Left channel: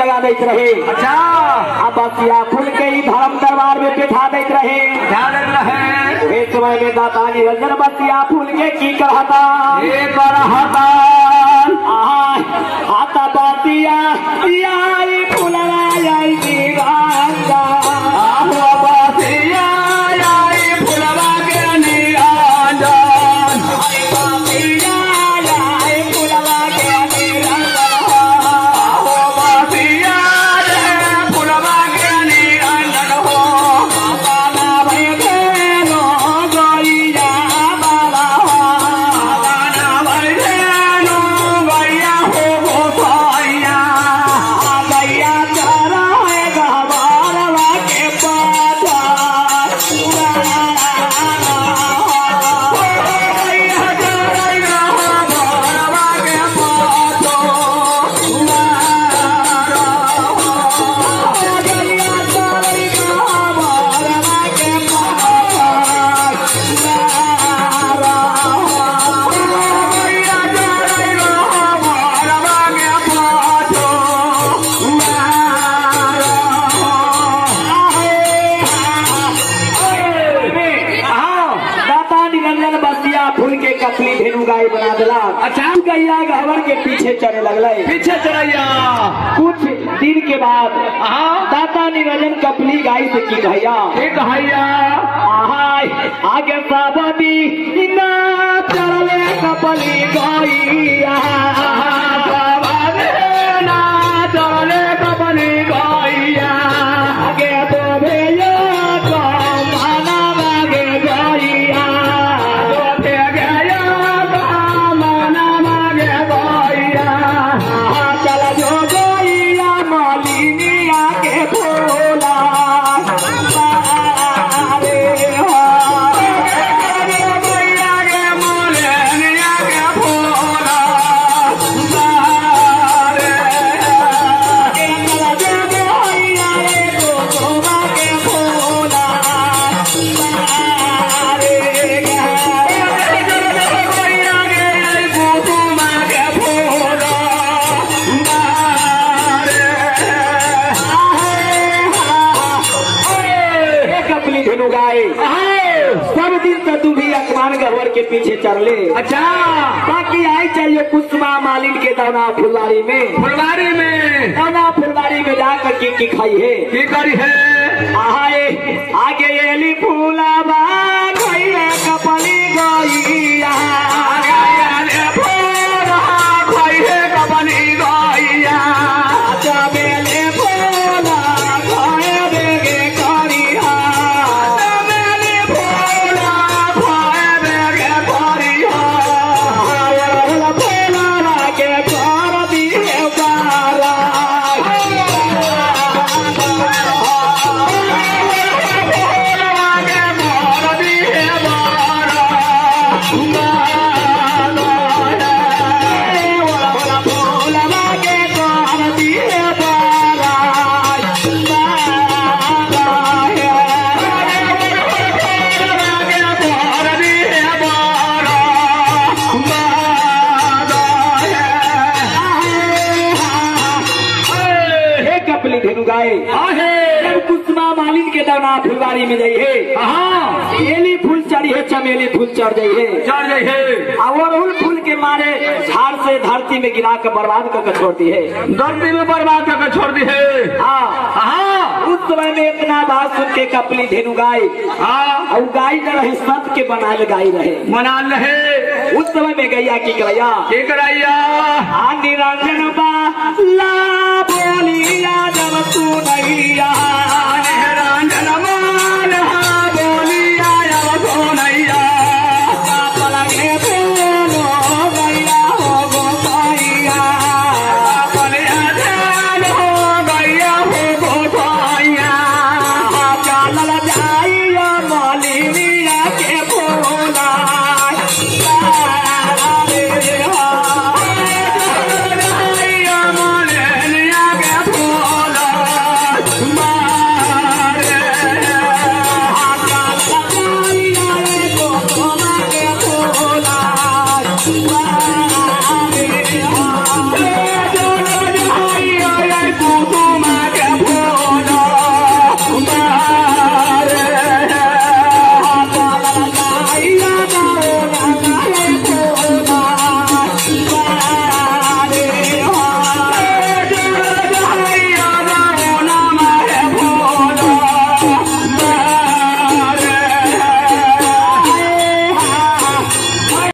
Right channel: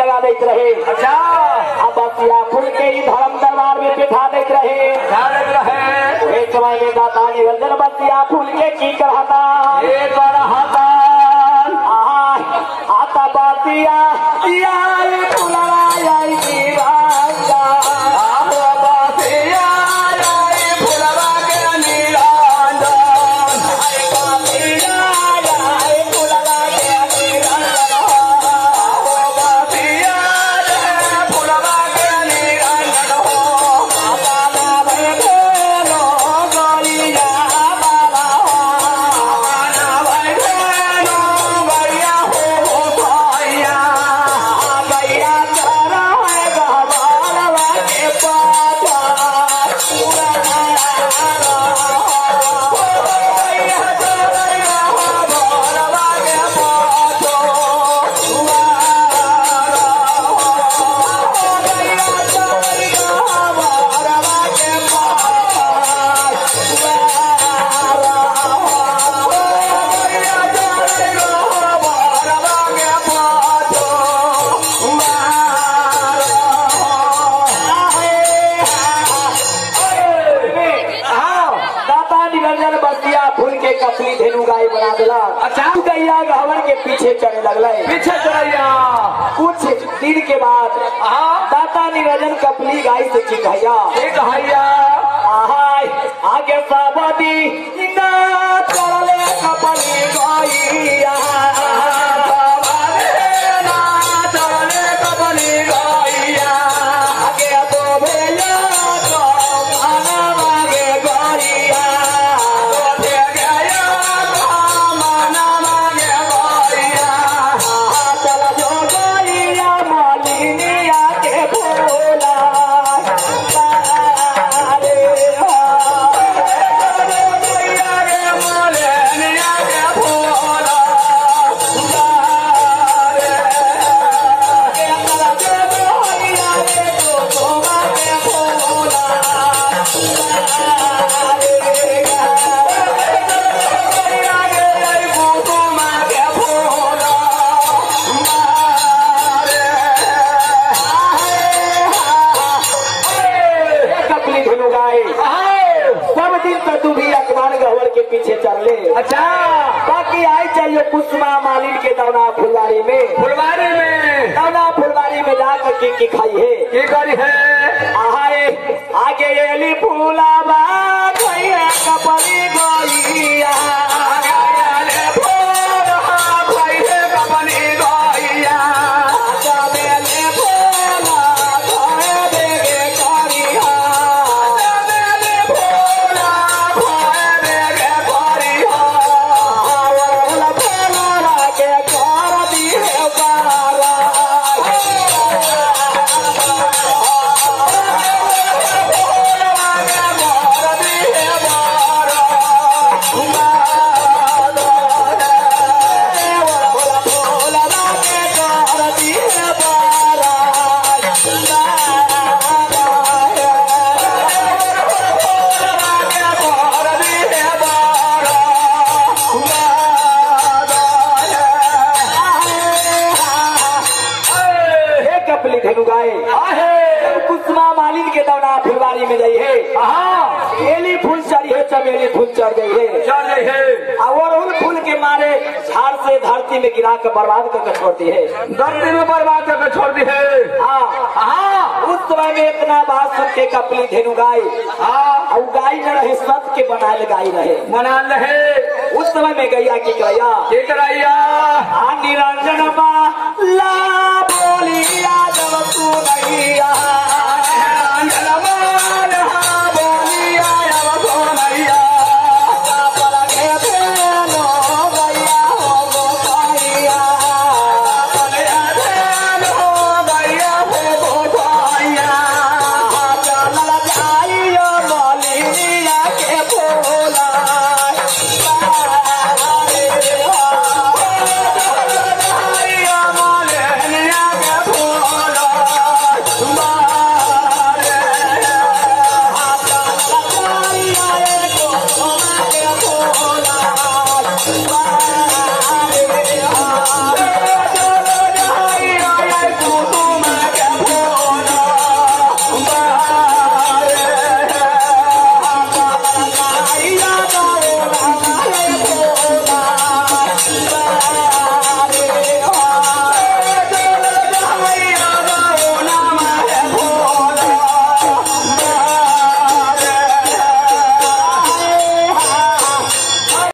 लगा देते रहे। अच्छा अब बसिया फूल के ही धर्म दरबार में बैठा देते रहे। इस समय में दाता निरंजन बसिया फूल के की करता आता बसिया फूलवा कपली धेनु गाय बना दिला। अचानक गैया गहवर के पीछे चढ़ने लगला। पीछे चढ़ैया कुछ दिन के बाद दाता निरंजन कपली गाय से की कहैया आगे साबदी ना चढ़ले कपली गैया आगे तो भेलो के पीछे चल ले। अच्छा बाकी आई चाहिए कुसुमा मालिन के दौना फुलवारी में दौना फुलवारी में जाकर की खाई है की करी है आगे एली फूलावा भैया कपली गैया कुसुमा मालिन के दौना फुलवारी में जाई है एली फूल चढ़ी है चमेली फूल चढ़ जाई है अड़हुल फूल के मारे झाड़ से धरती में गिरा कर बर्बाद करके छोड़ती है धरती में बर्बाद करके छोड़ दी है। उस समय में इतना बात सुन के कपली धेनु गाय और गाय जो रहे सत के बनाए गाय रहे उस समय में गैया की कराइया निरंजन बा ला बोलिया जब तू नैया Mali